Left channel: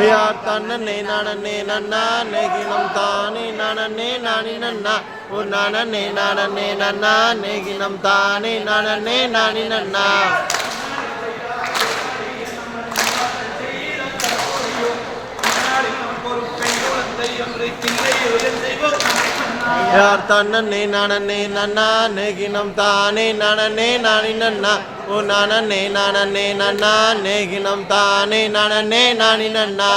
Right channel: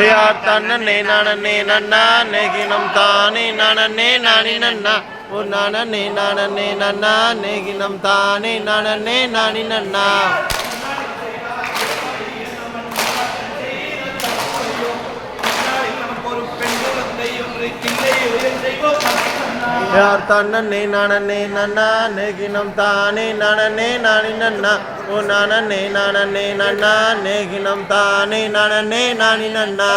யார் தன்னே நானே நன்னா நெகினம் தானே நானே நானி நன்னா ஓ நானே நானே நன்னா நெகினம் தானே நானே நானி நன்னா யார் தன்னே நானே நன்னா நெகினம் தானே நானே நானி நன்னா ஓ நானே நானே நன்னா நெகினம் தானே நானே நானி நன்னா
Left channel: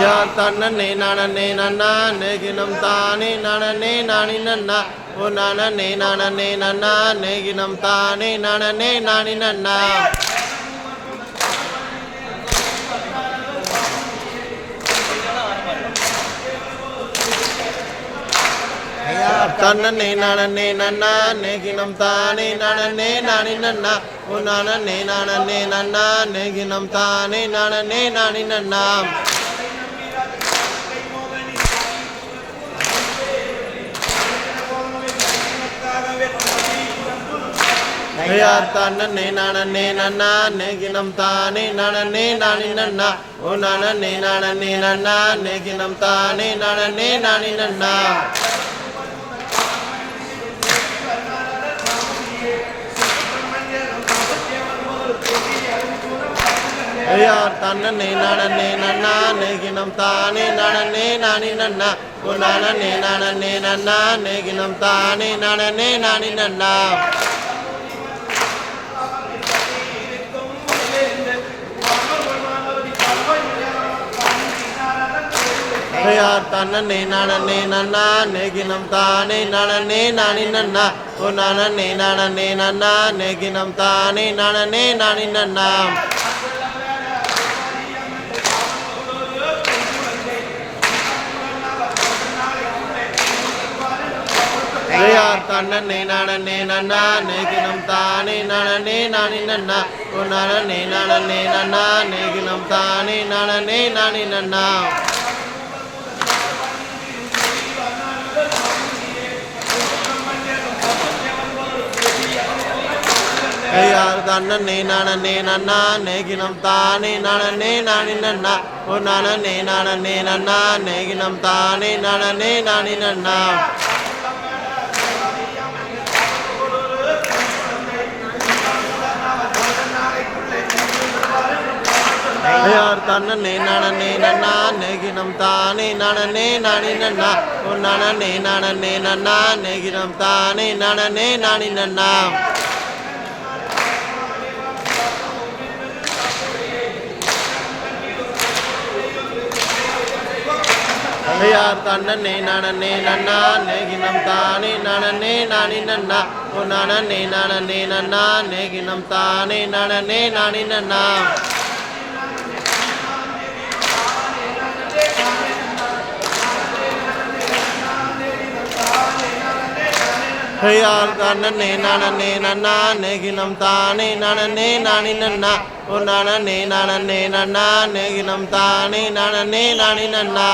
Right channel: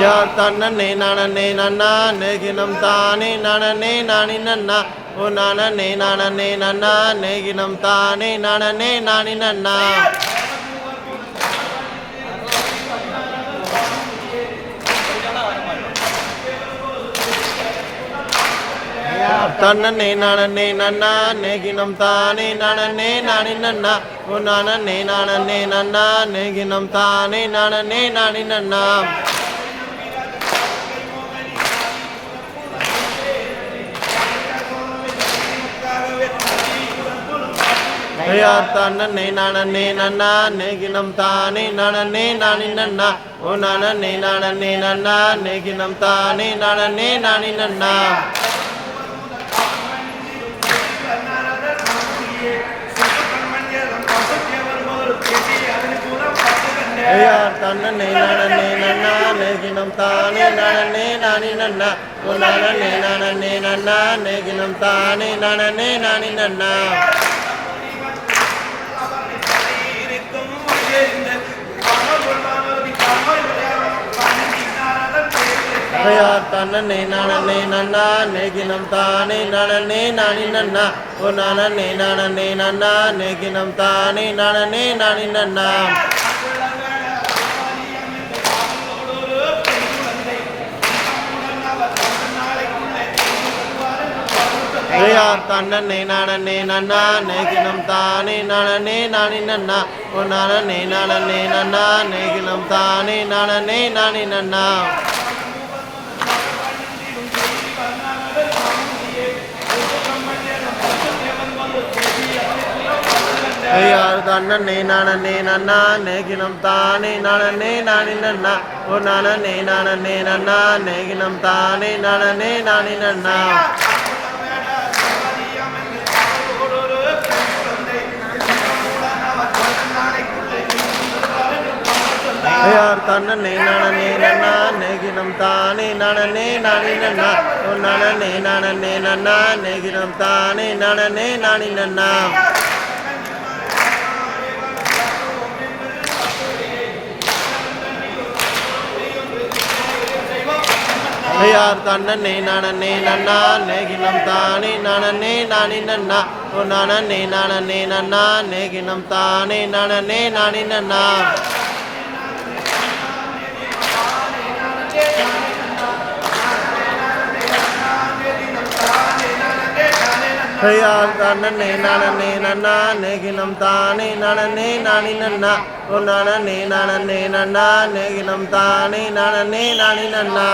யார் தன்னே நானே நன்னா நெகினம் தானே நானே நானி நன்னா ஓ நானே நானே நன்னா நெகினம் தானே நானே நானி நன்னா தன்னே நானே நன்னா நெகினம் தானே நானே நானி நன்னா ஓ நானே நானே நன்னா நெகினம் தானே நானே நானி நன்னா யார் தன்னே நானே நன்னா நெகினம் தானே நானே நானி நன்னா ஓ நானே நானே நன்னா நெகினம் தானே நானே நானி நன்னா யார் தன்னே நானே நன்னா நெகினம் தானே நானே நானி நன்னா ஓ நானே நானே நன்னா நெகினம் தானே நானே நானி நன்னா யார் தன்னே நானே நன்னா நெகினம் தானே நானே நானி நன்னா ஓ நானே நானே நன்னா நெகினம் தானே நானே நானி நன்னா யார் தன்னே நானே நன்னா நெகினம் தானே நானே நானி நன்னா ஓ நானே நானே நன்னா நெகினம் தானே நானே நானி நன்னா யார் தன்னே நானே நன்னா நெகினம் தானே நானே நானி நன்னா ஓ நானே நானே நன்னா நெகினம் தானே நானே நானி நன்னா யார் தன்னே நானே நன்னா நெகினம் தானே நானே நானி நன்னா ஓ நானே நானே நன்னா நெகினம் தானே நானே நானி நன்னா யார் தன்னே நானே நன்னா நெகினம் தானே நானே நானி நன்னா ஓ நானே நானே நன்னா நெகினம் தானே நானே நானி நன்னா யார் தன்னே நானே நன்னா நெகினம் தானே நானே நானி நன்னா ஓ நானே நானே நன்னா நெகினம் தானே நானே நானி நன்னா